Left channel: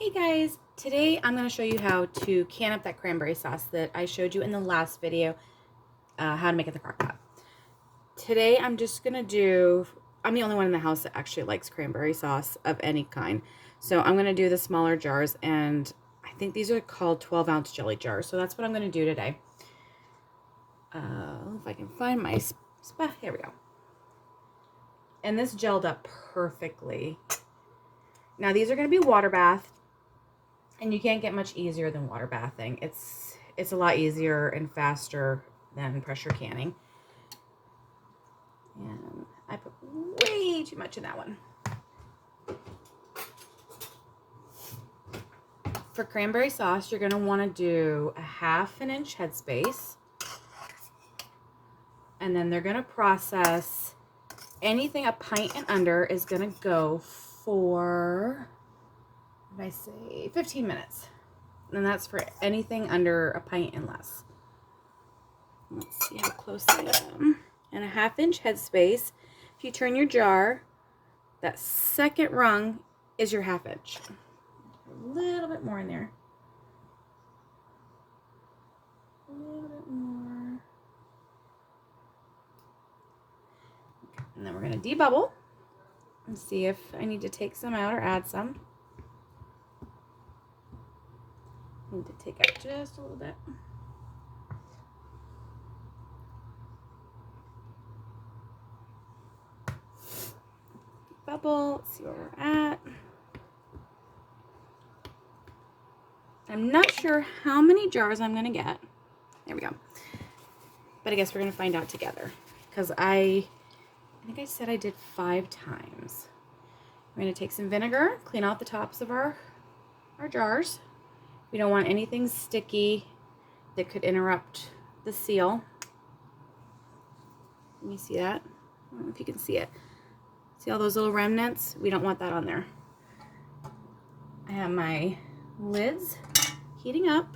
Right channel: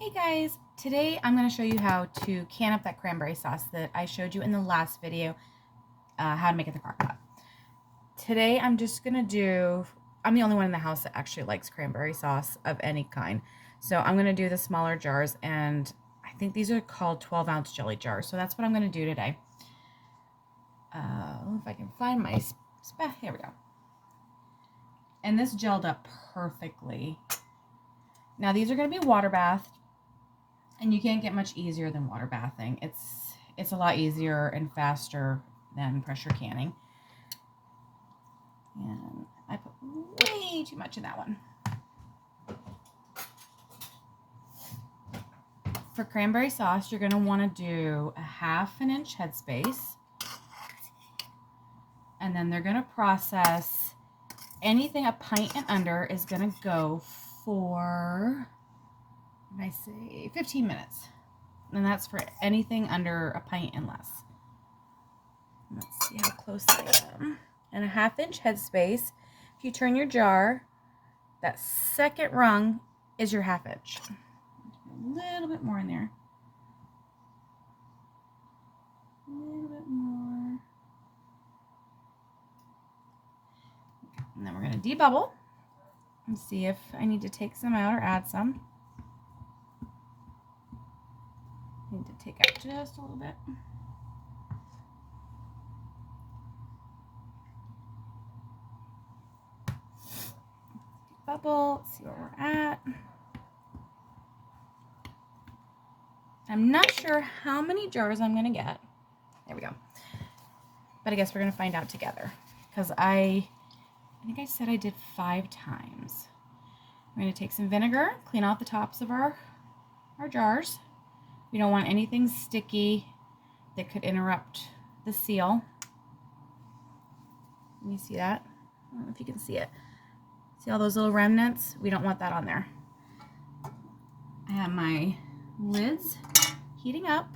Hey guys, today I'm going to show you how to can up that cranberry sauce that I showed you in the last video, how to make it in the crock pot. Today I'm just going to I'm the only one in the house that actually likes cranberry sauce of any kind. So I'm going to do the smaller jars, and I think these are called 12-ounce jelly jars. So that's what I'm going to do today. If I can find my spot, here we go. And this gelled up perfectly. Now these are going to be water bathed. And you can't get much easier than water bathing. It's a lot easier and faster than pressure canning. And I put way too much in that one. For cranberry sauce, you're going to want to do a 1/2 inch headspace. And then they're going to process anything a pint and under is going to go for, what did I say, 15 minutes. And that's for anything under a pint and less. Let's see how close I am. And a 1/2 inch headspace. If you turn your jar, that second rung is your 1/2 inch. A little bit more in there. A little bit more. And then we're going to debubble and see if I need to take some out or add some. Need to take out just a little bit. Bubble, let's see where we're at. I'm not sure how many jars I'm gonna get. There we go. But I guess we're gonna find out together, because I think I said I did 5 times. I'm gonna take some vinegar, clean out the tops of our jars. We don't want anything sticky that could interrupt the seal. Let me see that. I don't know if you can see it. See all those little remnants? We don't want that on there. I have my lids heating up.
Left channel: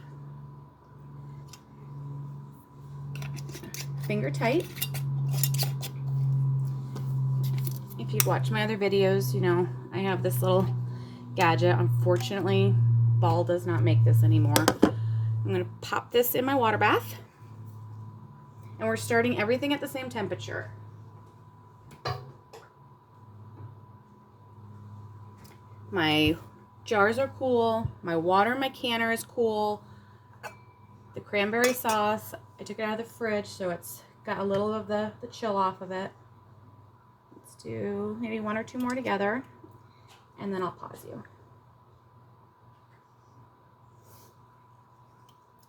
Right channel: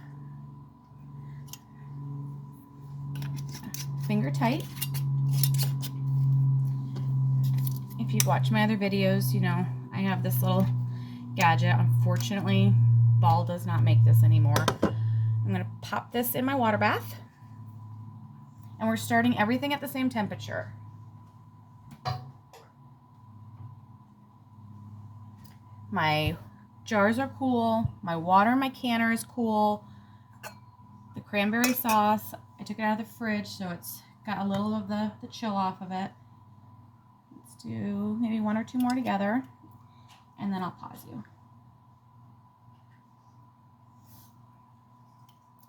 Finger tight. If you've watched my other videos, you know I have this little gadget. Unfortunately, Ball does not make this anymore. I'm going to pop this in my water bath. And we're starting everything at the same temperature. My jars are cool. My water in my canner is cool. The cranberry sauce, I took it out of the fridge, so it's got a little of the chill off of it. Let's do maybe 1 or 2 more together, and then I'll pause you.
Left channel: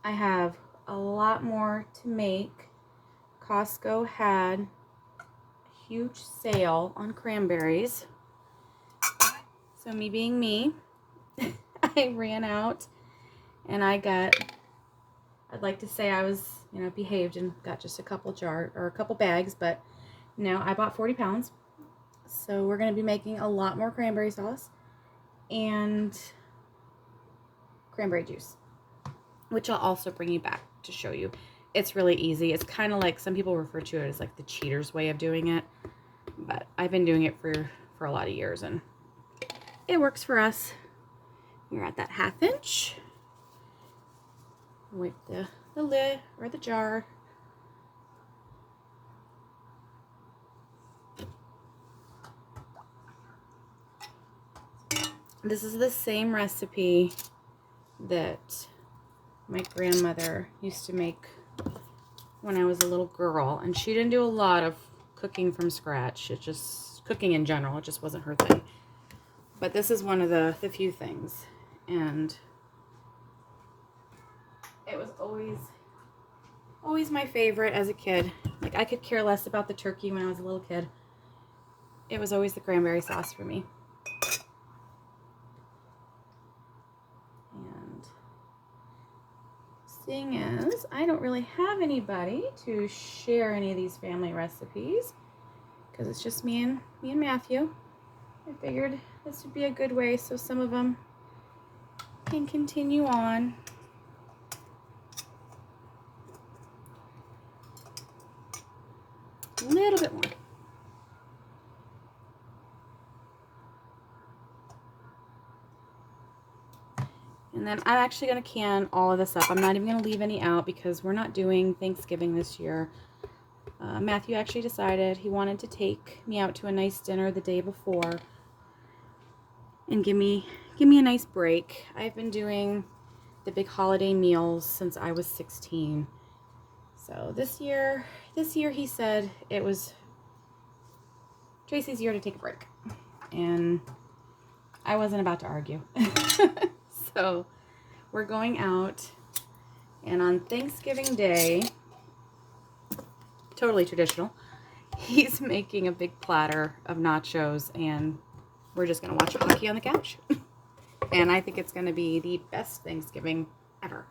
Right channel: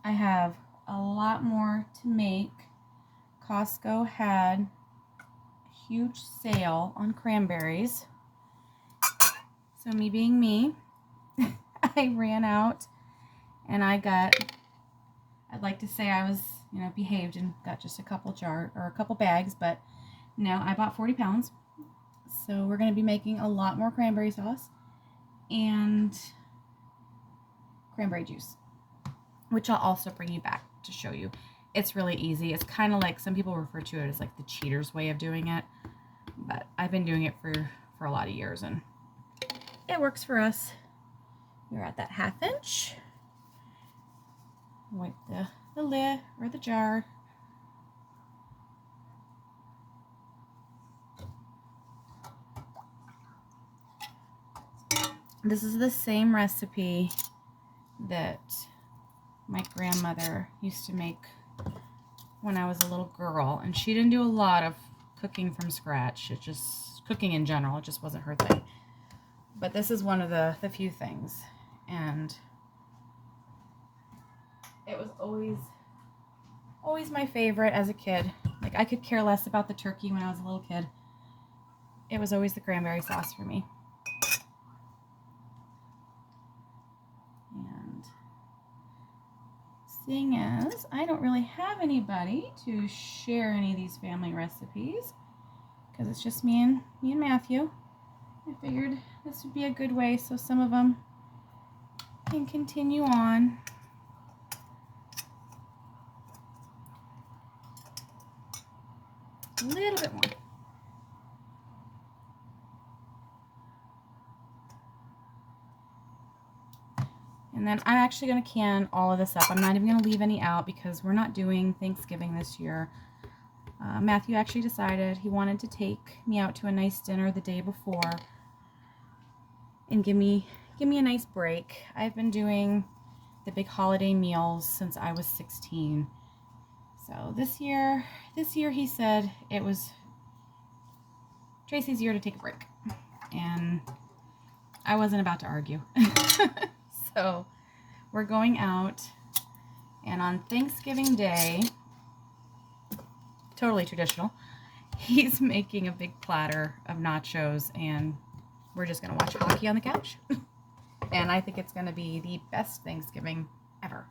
I have a lot more to make. Costco had a huge sale on cranberries. So me being me, I ran out and I'd like to say I was, behaved and got just a couple bags, but no, I bought 40 pounds. So we're going to be making a lot more cranberry sauce and cranberry juice, which I'll also bring you back to show you. It's really easy. It's kind of like, some people refer to it as like the cheater's way of doing it, but I've been doing it for a lot of years, and it works for us. We're at that 1/2 inch with the lid or the jar. This is the same recipe that my grandmother used to make when I was a little girl, and she didn't do a lot of cooking from scratch. Cooking in general, it just wasn't her thing. But this is one of the few things, and it was always my favorite as a kid. Like, I could care less about the turkey when I was a little kid. It was always the cranberry sauce for me. And seeing as I don't really have anybody to share any of these family recipes, because it's just me and Matthew, I figured this would be a good way so some of them can continue on. A little bit more. And then I'm actually going to can all of this up. I'm not even going to leave any out because we're not doing Thanksgiving this year. Matthew actually decided he wanted to take me out to a nice dinner the day before and give me a nice break. I've been doing the big holiday meals since I was 16. So this year he said it was Tracy's year to take a break. And I wasn't about to argue. So we're going out, and on Thanksgiving Day, totally traditional, he's making a big platter of nachos, and we're just gonna watch hockey on the couch. And I think it's gonna be the best Thanksgiving ever.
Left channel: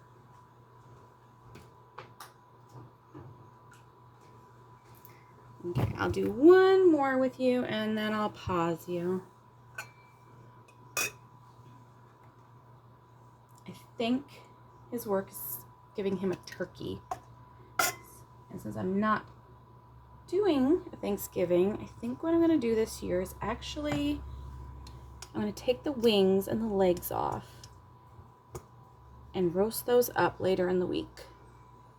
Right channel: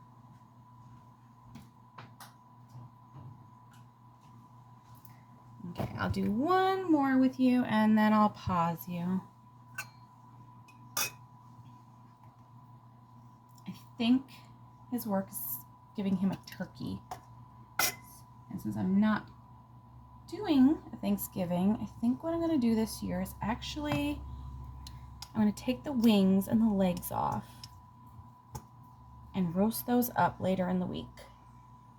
Okay, I'll do one more with you, and then I'll pause you. I think his work is giving him a turkey. And since I'm not doing a Thanksgiving, I think what I'm going to do this year is actually, I'm going to take the wings and the legs off and roast those up later in the week.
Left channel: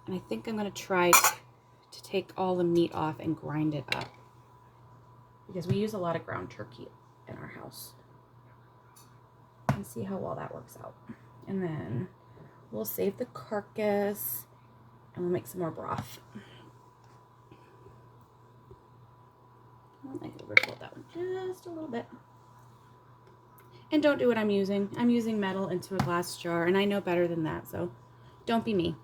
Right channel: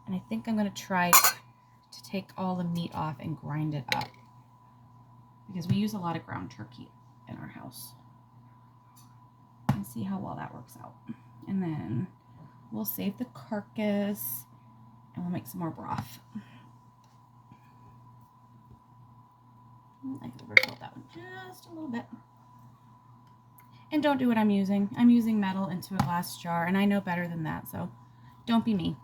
And I think I'm going to try to take all the meat off and grind it up, because we use a lot of ground turkey in our house. And see how well that works out. And then we'll save the carcass and we'll make some more broth. I overfilled that one just a little bit. And don't do what I'm using. I'm using metal into a glass jar, and I know better than that, so don't be me.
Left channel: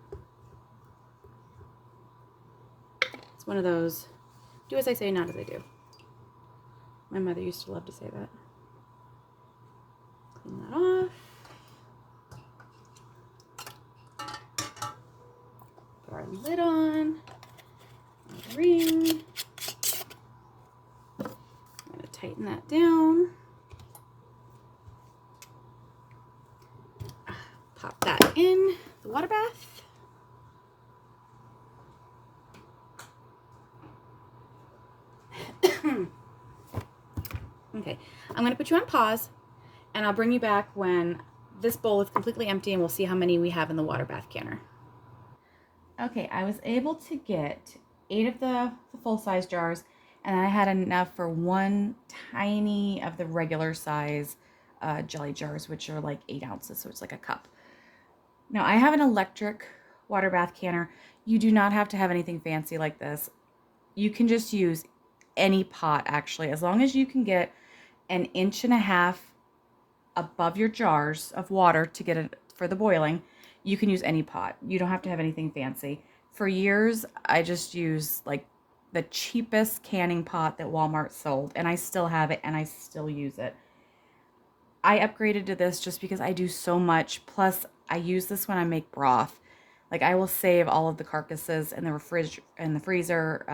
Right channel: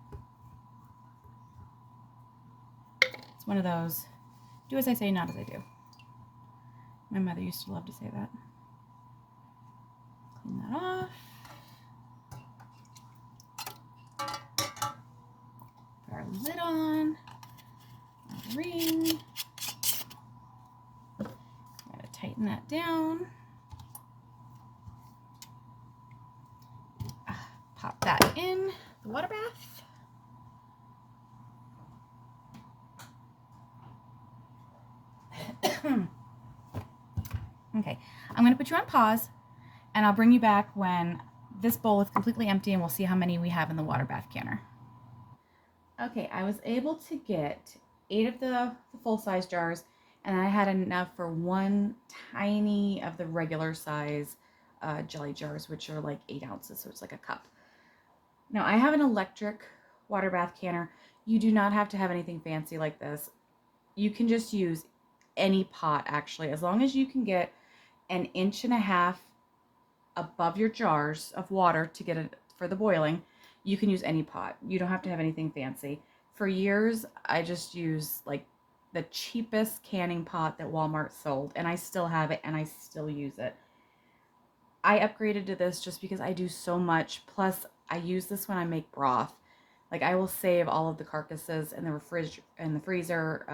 It's one of those, do as I say, not as I do. My mother used to love to say that. Clean that off. Put our lid on. Our ring. I'm going to tighten that down. Pop that in the water bath. Okay, I'm going to put you on pause, and I'll bring you back when this bowl is completely empty, and we'll see how many we have in the water bath canner. Okay, I was able to get 8 of the full-size jars, and I had enough for one tiny of the regular size jelly jars, which are like 8 ounces, so it's like a cup. Now, I have an electric water bath canner. You do not have to have anything fancy like this. You can just use any pot, actually, as long as you can get 1.5 inches above your jars of water to get it for the boiling. You can use any pot. You don't have to have anything fancy. For years, I just used like the cheapest canning pot that Walmart sold, and I still have it, and I still use it. I upgraded to this just because I do so much. Plus, I use this when I make broth. Like, I will save all of the carcasses in the freezer,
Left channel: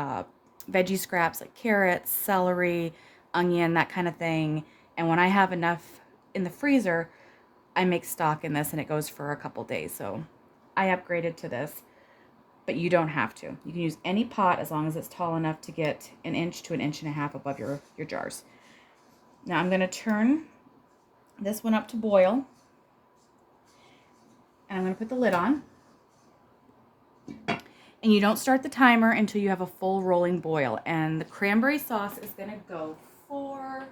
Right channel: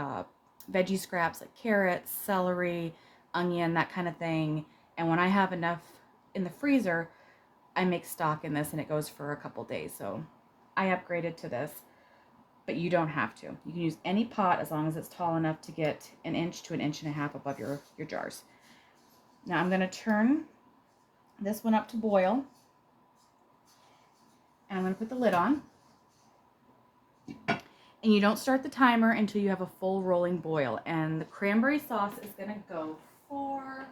veggie scraps like carrots, celery, onion, that kind of thing. And when I have enough in the freezer, I make stock in this, and it goes for a couple days. So I upgraded to this, but you don't have to. You can use any pot as long as it's tall enough to get 1 inch to 1.5 inches above your jars. Now I'm going to turn this one up to boil, and I'm going to put the lid on. And you don't start the timer until you have a full rolling boil. And the cranberry sauce is going to go for,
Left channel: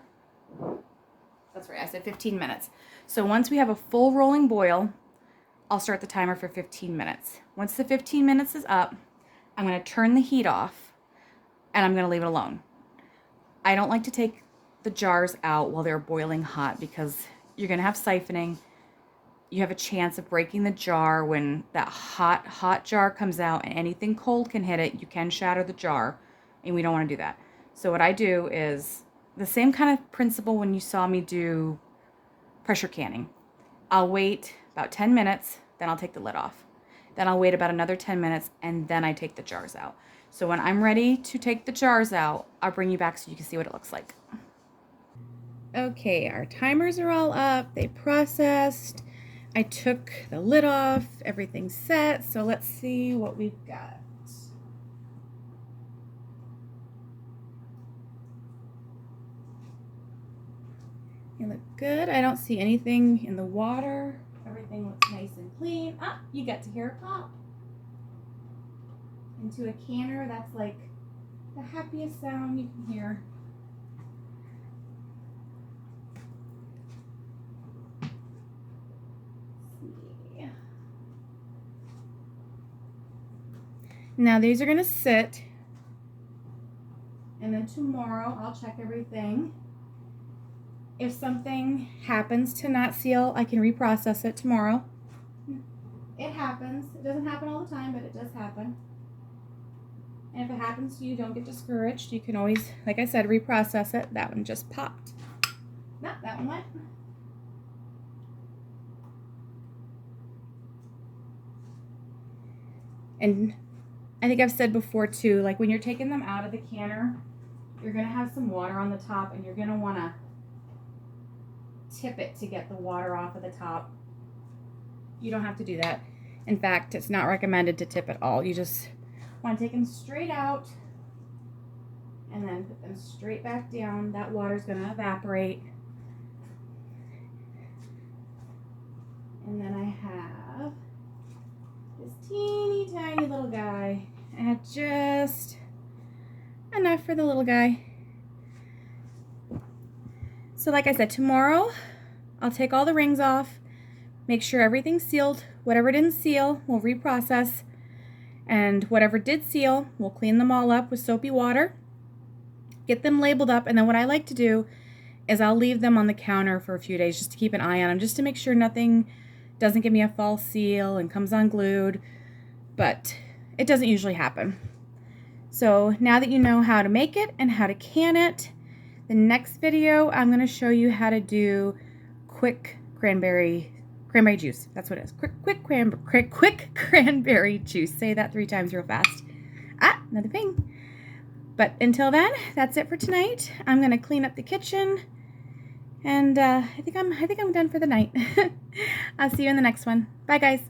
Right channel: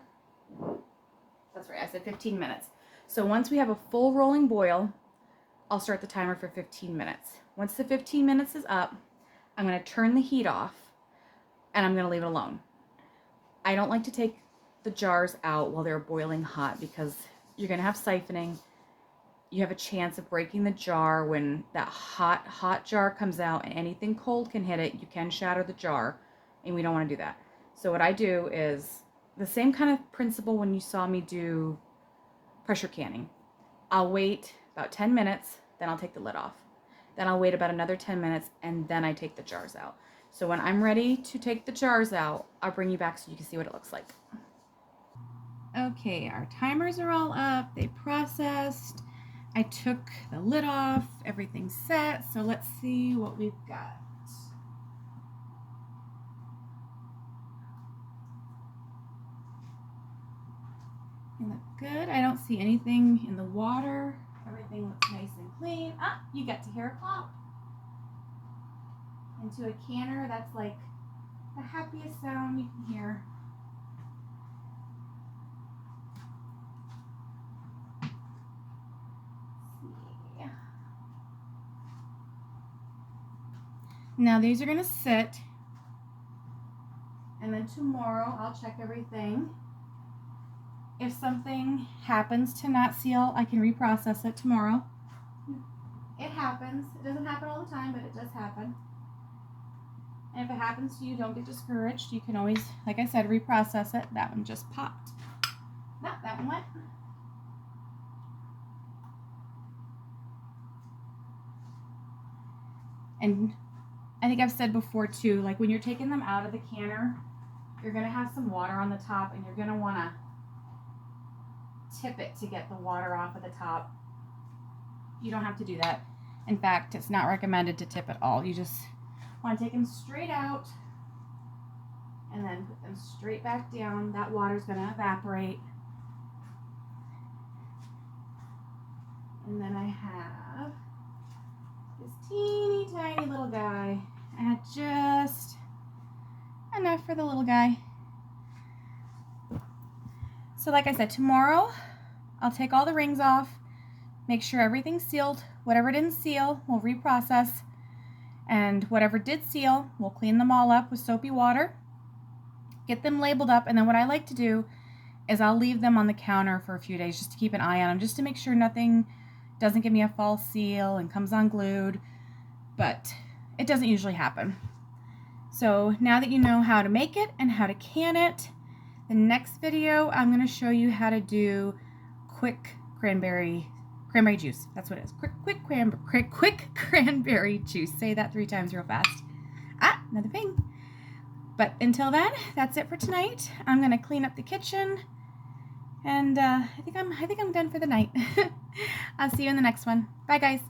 that's right, I said 15 minutes. So once we have a full rolling boil, I'll start the timer for 15 minutes. Once the 15 minutes is up, I'm going to turn the heat off, and I'm going to leave it alone. I don't like to take the jars out while they're boiling hot, because you're going to have siphoning. You have a chance of breaking the jar when that hot jar comes out, and anything cold can hit it. You can shatter the jar, and we don't want to do that. So what I do is the same kind of principle when you saw me do pressure canning. I'll wait about 10 minutes, then I'll take the lid off. Then I'll wait about another 10 minutes, and then I take the jars out. So when I'm ready to take the jars out, I'll bring you back so you can see what it looks like. Okay, our timers are all up. They processed. I took the lid off. Everything's set. So let's see what we've got. They look good. I don't see anything in the water. Everything everything looks nice and clean. Ah, you get to hear a pop. Into a canner, that's like the happiest sound you can hear. Now these are gonna sit, and then tomorrow I'll check everything. If something happens to not seal, I can reprocess it tomorrow. It happens. It doesn't happen all the time, but it does happen. And if it happens to you, don't get discouraged. You can always, like I said, reprocess it. That one just popped. No, that one went. And I think I've said before too, like when you're taking them out of the canner, you're gonna have some water on the top, and you're gonna wanna tip it to get the water off of the top. You don't have to do that. In fact, it's not recommended to tip at all. You just want to take them straight out and then put them straight back down. That water's going to evaporate. And then I have this teeny tiny little guy. I had just enough for the little guy. So like I said, tomorrow I'll take all the rings off, make sure everything's sealed. Whatever didn't seal, we'll reprocess. And whatever did seal, we'll clean them all up with soapy water, get them labeled up. And then what I like to do is I'll leave them on the counter for a few days just to keep an eye on them, just to make sure nothing doesn't give me a false seal and comes unglued. But it doesn't usually happen. So now that you know how to make it and how to can it, the next video, I'm going to show you how to do quick cranberry juice. That's what it is. Quick cranberry juice. Say that 3 times real fast. Ah, another ping. But until then, that's it for tonight. I'm going to clean up the kitchen, and I think I'm done for the night. I'll see you in the next one. Bye, guys.